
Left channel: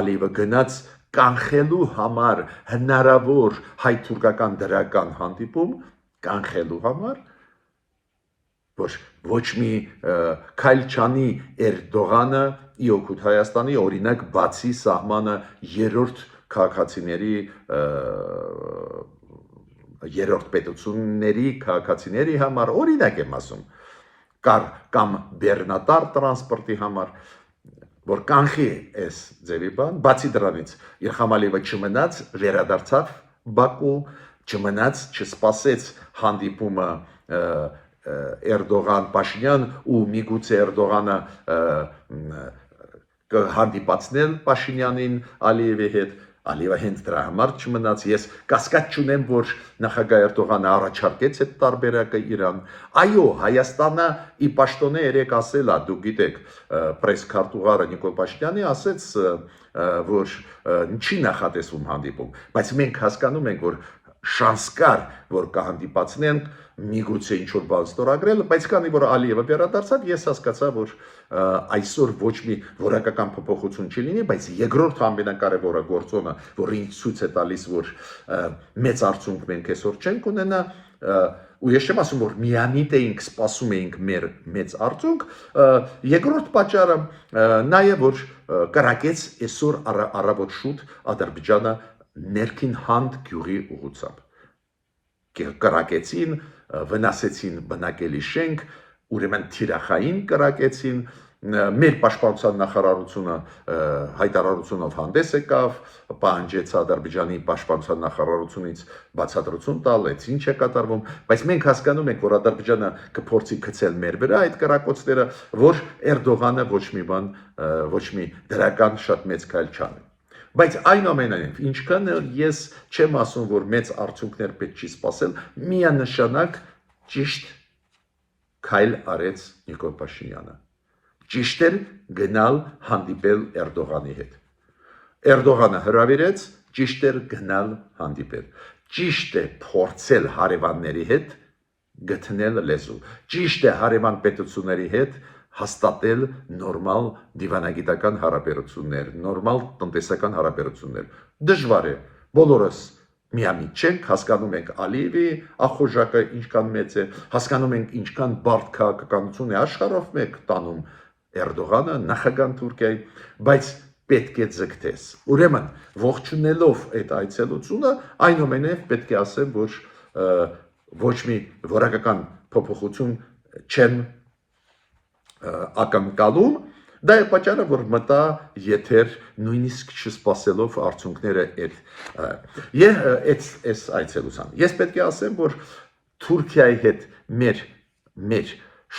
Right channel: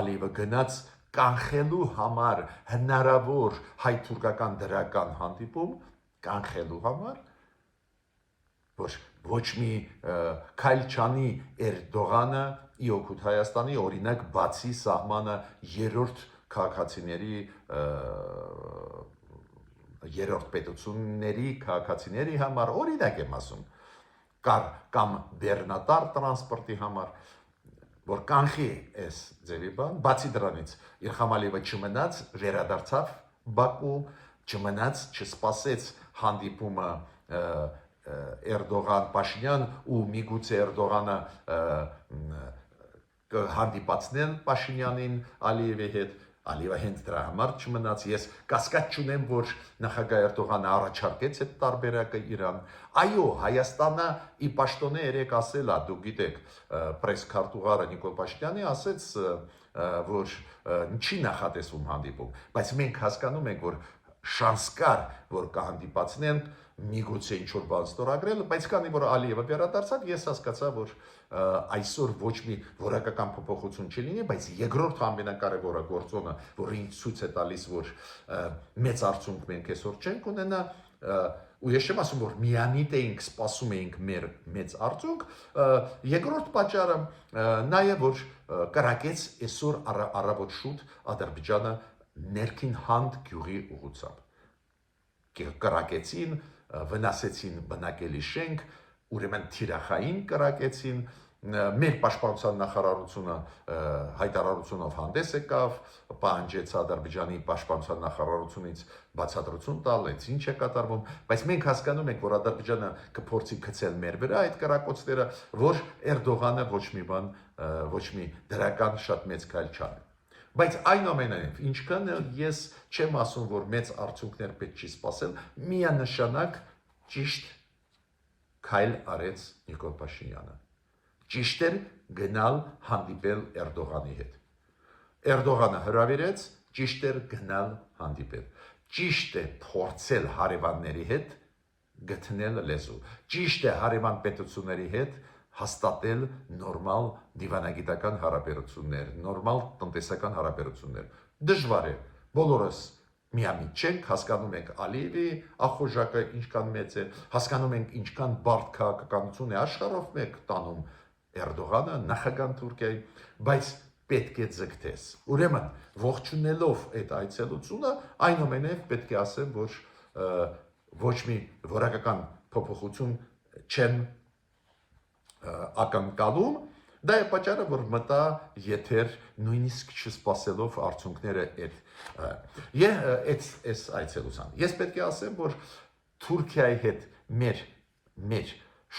Ալիևը գնաց կանխելու համար հնարավոր հայ-թուրքական դրական հանդիպում, կանխելու համար, որ ոչ մի քայլ չանի Էրդողանը ի օգուտ Հայաստանի, օրինակ բացի սահմանը երրորդ քաղաքացիների երրորդ պետությունների քաղաքացիների համար, օրինակ եմ ասում, կամ բեռնատար տրանսպորտի համար, որ կանխի այս ձևի բան, բացի դրանից Իլհամ Ալիևը չմնաց, վերադարձավ Բաքու, չմնաց, չսպասեց հանդիպումը Էրդողան-Փաշինյան ու միգուցե Էրդողանը կհանդիպացնել Փաշինյանին Ալիևի հետ, Ալիևը հենց դրա համար չմնաց, ես կասկած չունեմ, որ նախագահ Էրդողանը առաջարկեց այդ տարբերակը Իրան։ Այո, Հայաստանը ի պաշտոնե երեք ասել է, դուք գիտեք, պրես-քարտուղարը Նիկոլ Փաշինյանի ասեց, որ չի նախատեսվում հանդիպում, բայց մենք հասկանում ենք, որ շանս կար, որ կհանդիպացնենք միգուցե ինչ որ բան ստորագրել, բայց քանի որ Ալիևը վերադարձավ, ես հասկացա, որ այսօր ոչ մի որակական փոփոխություն չի լինի, բայց երկրորդ ամենակարևորը գործոնը, որ ինձ ցույց է տալիս, որ մեծ արդյունք մենք այսօր չենք ունենա, ու ես չեմ ասում, որ միամիտ էինք սպասում էինք մեր մեծ արդյունք, երկրորդ պատճառը նա է, որ կրակեց այսօր առավոտ շուտ Ադրբեջանը ներքին հանդ գյուղի ուղղությամբ կրակեցին, վնասեցին բնակելի շենք, ուրեմն թիրախային կրակեցին, մեր պաշտպանության նախարարությունը հայտարարությունով հանդես եկավ, պահանջեց Ադրբեջանի պաշտպանության նախարարությունից բացատրություն տալ, այդ ինչ է կատարվում, բայց մենք հասկանում ենք, որ Ադրբեջանը կփորձի գցել մեր վրա այդ կրակոցները, որ Էրդողանը ոչ մի դրական շատ մեծ քայլ չանի։ Բայց այնուամենայնիվ, ինչքան ես չեմ ասում, որ մեծ արդյունքներ պետք չի սպասել, միանշանակ ճիշտ քայլ արեց Նիկոլ Փաշինյանը։ Ճիշտ էր գնալ հանդիպել Էրդողանի հետ։ Էրդողանը հրավիրեց, ճիշտ էր գնալ հանդիպել։ Ճիշտ է փորձել հարևանների հետ գտնել լեզու։ Ճիշտ է հարևան պետությունների հետ հաստատել նորմալ դիվանագիտական հարաբերություններ, նորմալ տնտեսական հարաբերություններ։ Դժվար է, բոլորս միամիտ չենք, հասկանում ենք Ալիևի ախորժակը ինչքան մեծ է, հասկանում ենք ինչքան բարդ քաղաքականություն է աշխարհով մեկ տանում Էրդողանը, նախագահ Թուրքիայի, բայց պետք է ձգտես։ Ուրեմն, ողջունելով այդ այցելությունը, այնուամենայնիվ պետք է ասեմ, որ ոչ մի որակական փոփոխություն չեմ ակնկալում, դա է պատճառը, որ մտա եթեր նույնիսկ չսպասելով արդյունքները այս այցելության։ Ես պետք է ասեմ, որ Թուրքիայի հետ մեր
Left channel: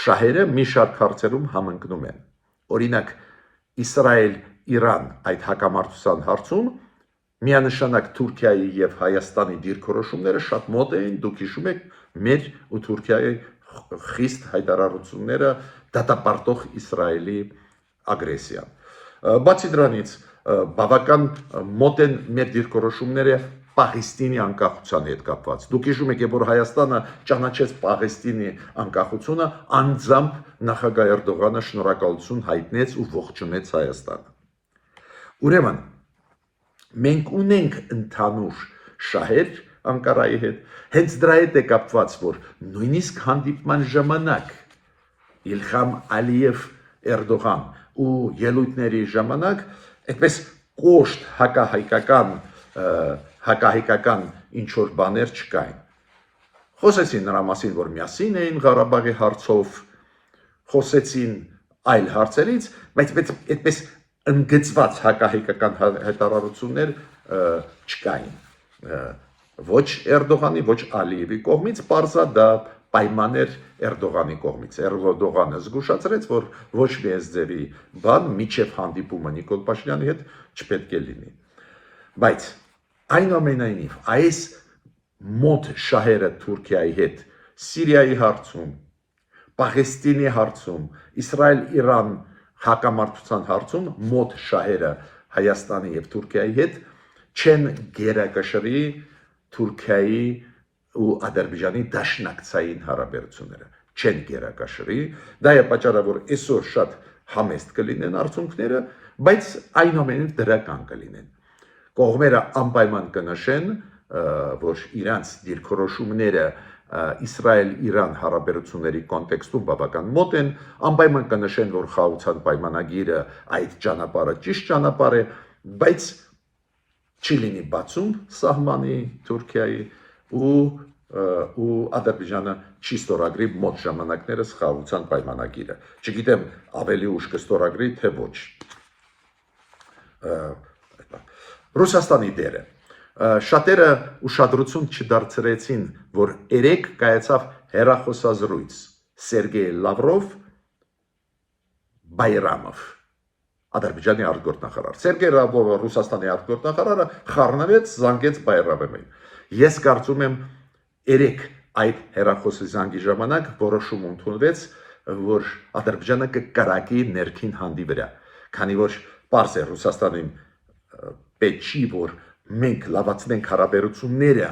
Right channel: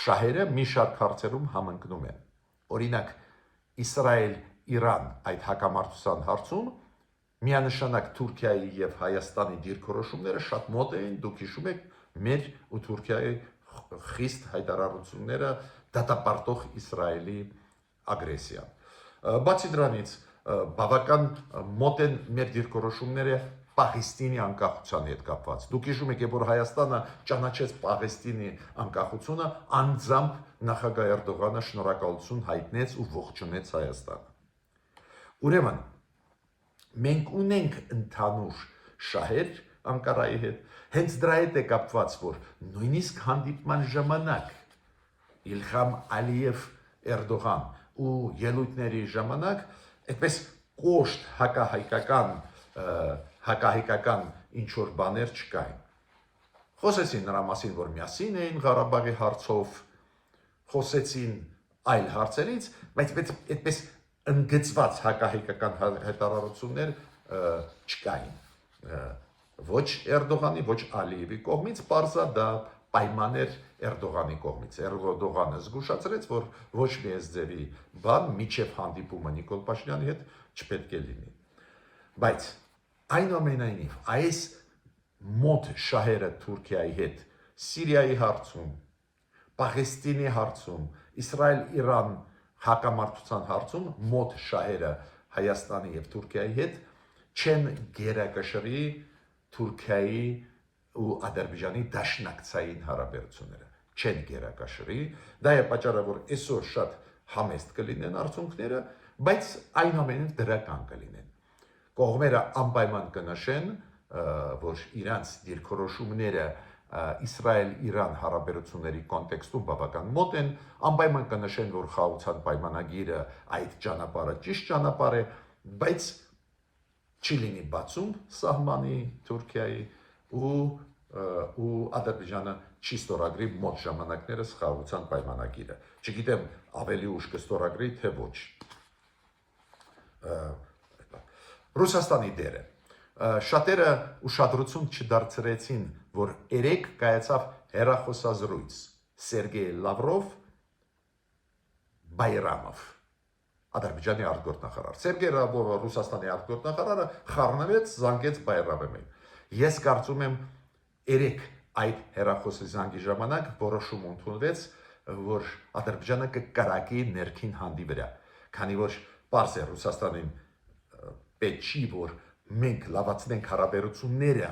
շահերը մի շարք հարցերում համընկնում են։ Օրինակ, Իսրայել-Իրան այդ հակամարտության հարցում միանշանակ Թուրքիայի եւ Հայաստանի դիրքորոշումները շատ մոտ էին, դուք հիշում եք մեր ու Թուրքիայի խիստ հայտարարությունները դատապարտող Իսրայելի ագրեսիան։ Բացի դրանից, բավական մոտ են մեր դիրքորոշումները Պաղեստինի անկախության հետ կապված։ Դուք հիշում եք, որ Հայաստանը ճանաչեց Պաղեստինի անկախությունը, անձամբ նախագահ Էրդողանը շնորհակալություն հայտնեց ու ողջունեց Հայաստանը։ Ուրեմն, մենք ունենք ընդհանուր շահեր Անկարայի հետ, հենց դրա հետ է կապված, որ նույնիսկ հանդիպման ժամանակ Իլհամ Ալիև Էրդողան ու ելույթների ժամանակ այդպես կոշտ հակահայկական ինչ որ բաներ չկային։ Խոսեցին նրա մասին, որ միասին էին Ղարաբաղի հարցով, խոսեցին այլ հարցերից, բայց այդպես ընդգծված հակահայկական հայտարարություններ չկային։ Ոչ Էրդողանի, ոչ Ալիևի կողմից, պարզա դա պայման էր Էրդողանի կողմից։ Էրդողանը զգուշացրեց, որ ոչ մի այս ձևի բան միջև հանդիպումը Նիկոլ Փաշինյանի հետ չպետք է լինի։ Բայց այնուամենայնիվ այս մոտ շահերը Թուրքիայի հետ Սիրիայի հարցում, Պաղեստինի հարցում, Իսրայել-Իրան հակամարտության հարցում մոտ շահերը Հայաստանի եւ Թուրքիայի հետ չեն գերակշռի Թուրքիայի ու Ադրբեջանի դաշնակցային հարաբերությունները չեն գերակշռի, դա է պատճառը, որ այսօր շատ համեստ կլինեն արդյունքները, բայց այնուամենայնիվ դրական կլինեն։ Կողմերը անպայման կնշեն, որ իրանց դիրքորոշումները Իսրայել-Իրան հարաբերությունների կոնտեքստում բավական մոտ են, անպայման կնշեն, որ խաղաղության պայմանագիրը այդ ճանապարհը ճիշտ ճանապարհ է, բայց չի լինի բացում սահմանի Թուրքիայի ու Ադրբեջանը չի ստորագրի մոտ ժամանակներս խաղաղության պայմանագիրը։ Չգիտեմ ավելի ուշ կստորագրի, թե ոչ։ Ռուսաստանի դերը։ Շատերը ուշադրություն չդարձրեցին, որ երեկ կայացավ հեռախոսազրույց Սերգեյ Լավրով Բայրամով, Ադրբեջանի արտգործնախարար։ Սերգեյ Լավրովը Ռուսաստանի արտգործնախարարը խառնվեց, զանգեց Բայրամովին։ Ես կարծում եմ երեկ այդ հեռախոսի զանգի ժամանակ որոշում ընդունվեց, որ Ադրբեջանը կկրակի ներքին հանդի վրա, քանի որ պարզ է Ռուսաստանին պետք չի, որ մենք լավացնենք հարաբերությունները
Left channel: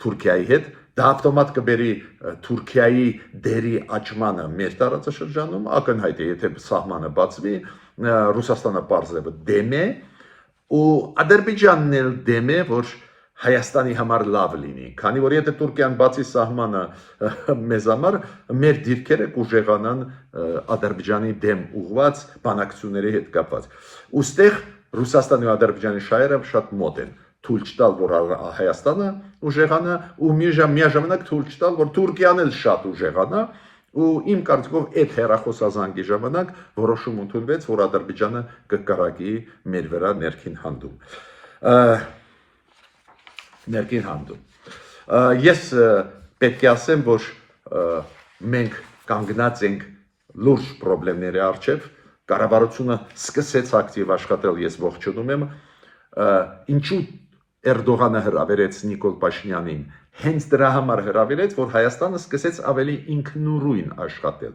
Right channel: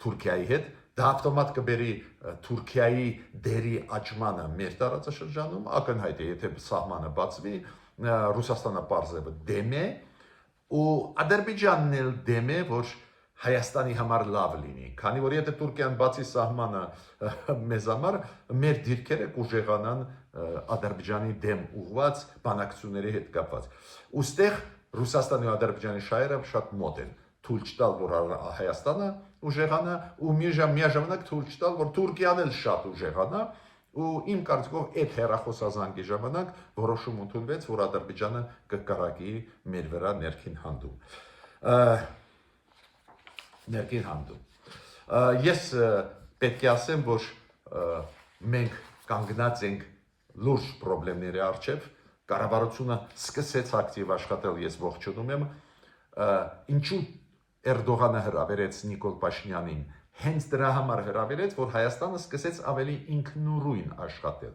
Թուրքիայի հետ, դա ավտոմատ կբերի Թուրքիայի դերի աճմանը մեր տարածաշրջանում, ակնհայտ է, եթե սահմանը բացվի, Ռուսաստանը պարզվի դեմ է, ու Ադրբեջանն էլ դեմ է, որ Հայաստանի համար լավ լինի, քանի որ եթե Թուրքիան բացի սահմանը մեզ համար, մեր դիրքերը կուժեղանան Ադրբեջանի դեմ ուղված բանակցությունների հետ կապված։ Ուստեղ Ռուսաստանի ու Ադրբեջանի շահերը շատ մոտ են, թույլ չտալ, որ Հայաստանը ուժեղանա ու միաժամանակ թույլ չտալ, որ Թուրքիան էլ շատ ուժեղանա, ու իմ կարծիքով այդ հեռախոսազանգի ժամանակ որոշում ընդունվեց, որ Ադրբեջանը կկարակի մեր վրա ներքին հանդում։ Ես պետք է ասեմ, որ մենք կանգնած ենք լուրջ խնդիրների առջև, կառավարությունը սկսեց ակտիվ աշխատել, ես ողջունում եմ, ինչու Էրդողանը հրավիրեց Նիկոլ Փաշինյանին, հենց դրա համար հրավիրեց, որ Հայաստանը սկսեց ավելի ինքնուրույն աշխատել։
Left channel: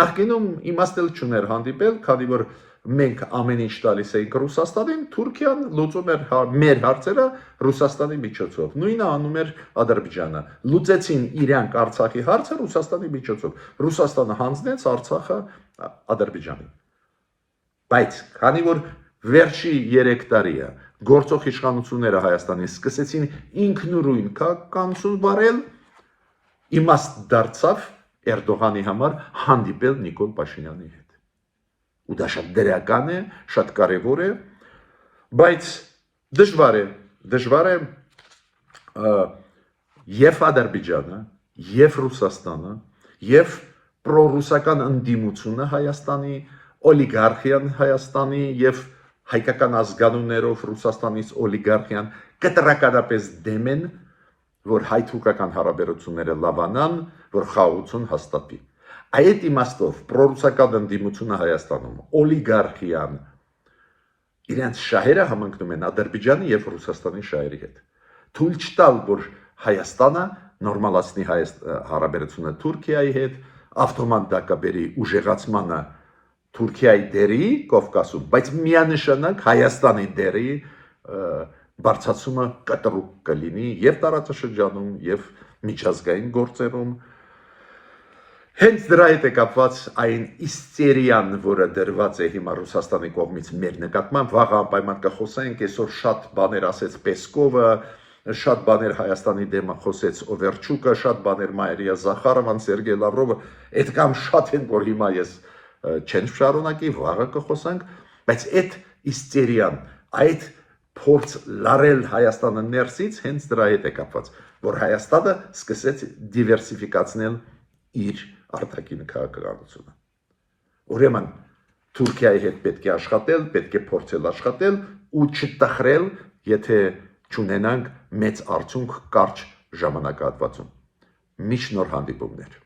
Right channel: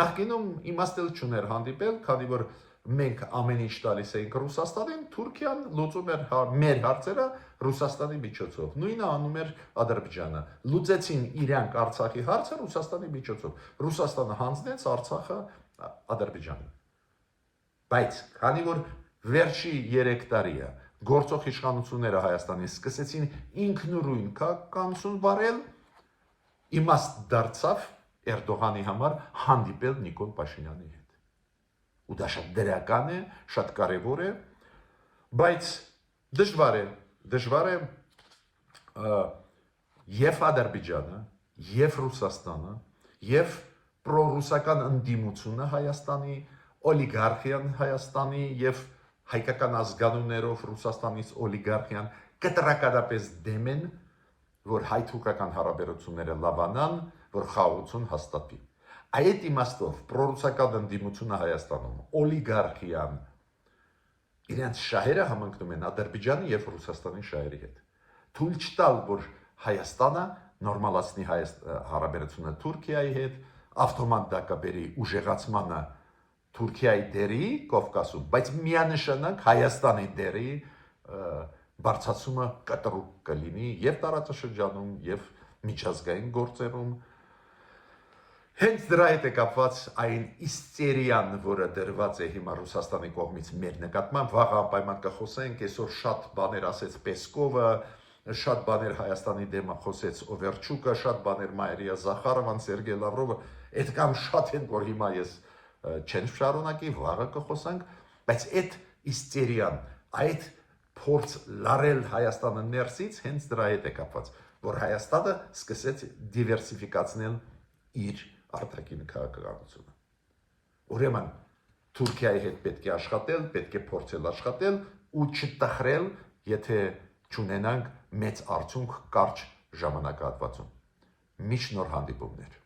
Նախկինում իմաստ չուներ հանդիպել, քանի որ մենք ամեն ինչ տալիս էինք Ռուսաստանին, Թուրքիան լուծում էր մեր հարցերը Ռուսաստանի միջոցով։ Նույնը անում էր Ադրբեջանը։ Լուծեցին իրանք Արցախի հարցը Ռուսաստանի միջոցով։ Ռուսաստանը հանձնեց Արցախը Ադրբեջանին։ Բայց քանի որ վերջի 3 տարիը գործող իշխանությունները Հայաստանի սկսեցին ինքնուրույն քաղաքականություն վարել, իմաստ դարձավ Էրդողանի համար հանդիպել Նիկոլ Փաշինյանի հետ։ Ու դա շատ դրական է, շատ կարևոր է, բայց դժվար է եւ Ադրբեջանը, եւ Ռուսաստանը, եւ պրոռուսական ընդդիմությունը Հայաստանի, օլիգարխիան Հայաստանի եւ հայկական ազգանուններով Ռուսաստանից օլիգարխիան կտրականապես դեմ են, որ հայ-թուրքական հարաբերությունները լավանան, որ խաղաղություն հաստատվի։ Այդ իմաստով պրոռուսական ընդդիմությունը Հայաստանում, օլիգարխիան իրենց շահերը համընկնում են Ադրբեջանի եւ Ռուսաստանի շահերի հետ։ Թույլ չտալ, որ Հայաստանը նորմալացնի հարաբերությունը Թուրքիայի հետ, ավտոմատ դա կբերի ուժեղացմանը Թուրքիայի դերի Կովկասում, բայց միանշանակ Հայաստանի դերի բարձրացումը կտրուկ կլինի եւ տարածաշրջանում եւ միջազգային գործերում։ Հենց դրա հետ է կապված այն իստերիան, որը դրված է հիմա Ռուսաստանի կողմից մեր նկատմամբ, վաղ անպայման կխոսենք, այսօր շատ բաներ ասեց Պեսկովը, շատ բաներ Հայաստանի դեմ խոսեց Օվերչուկը, շատ բաներ Մարիա Զախարովան, Սերգեյ Լավրովը, այդքան շատ են, որ հիմա ես չեն շարունակի, վաղը կխոսանք, բայց այդ իստերիան, այդ փորձ լարել Հայաստանը ներսից հենց դրա հետ է կապված, որ Հայաստանը սկսեց դիվերսիֆիկացնել իր արտաքին քաղաքականությունը։ Ուրեմն Թուրքիայի հետ պետք է աշխատել, պետք է փորձել աշխատել ու չտխրել, եթե չունենանք մեծ արդյունք կարճ ժամանակահատվածում։ Միշտ նոր հանդիպումներ։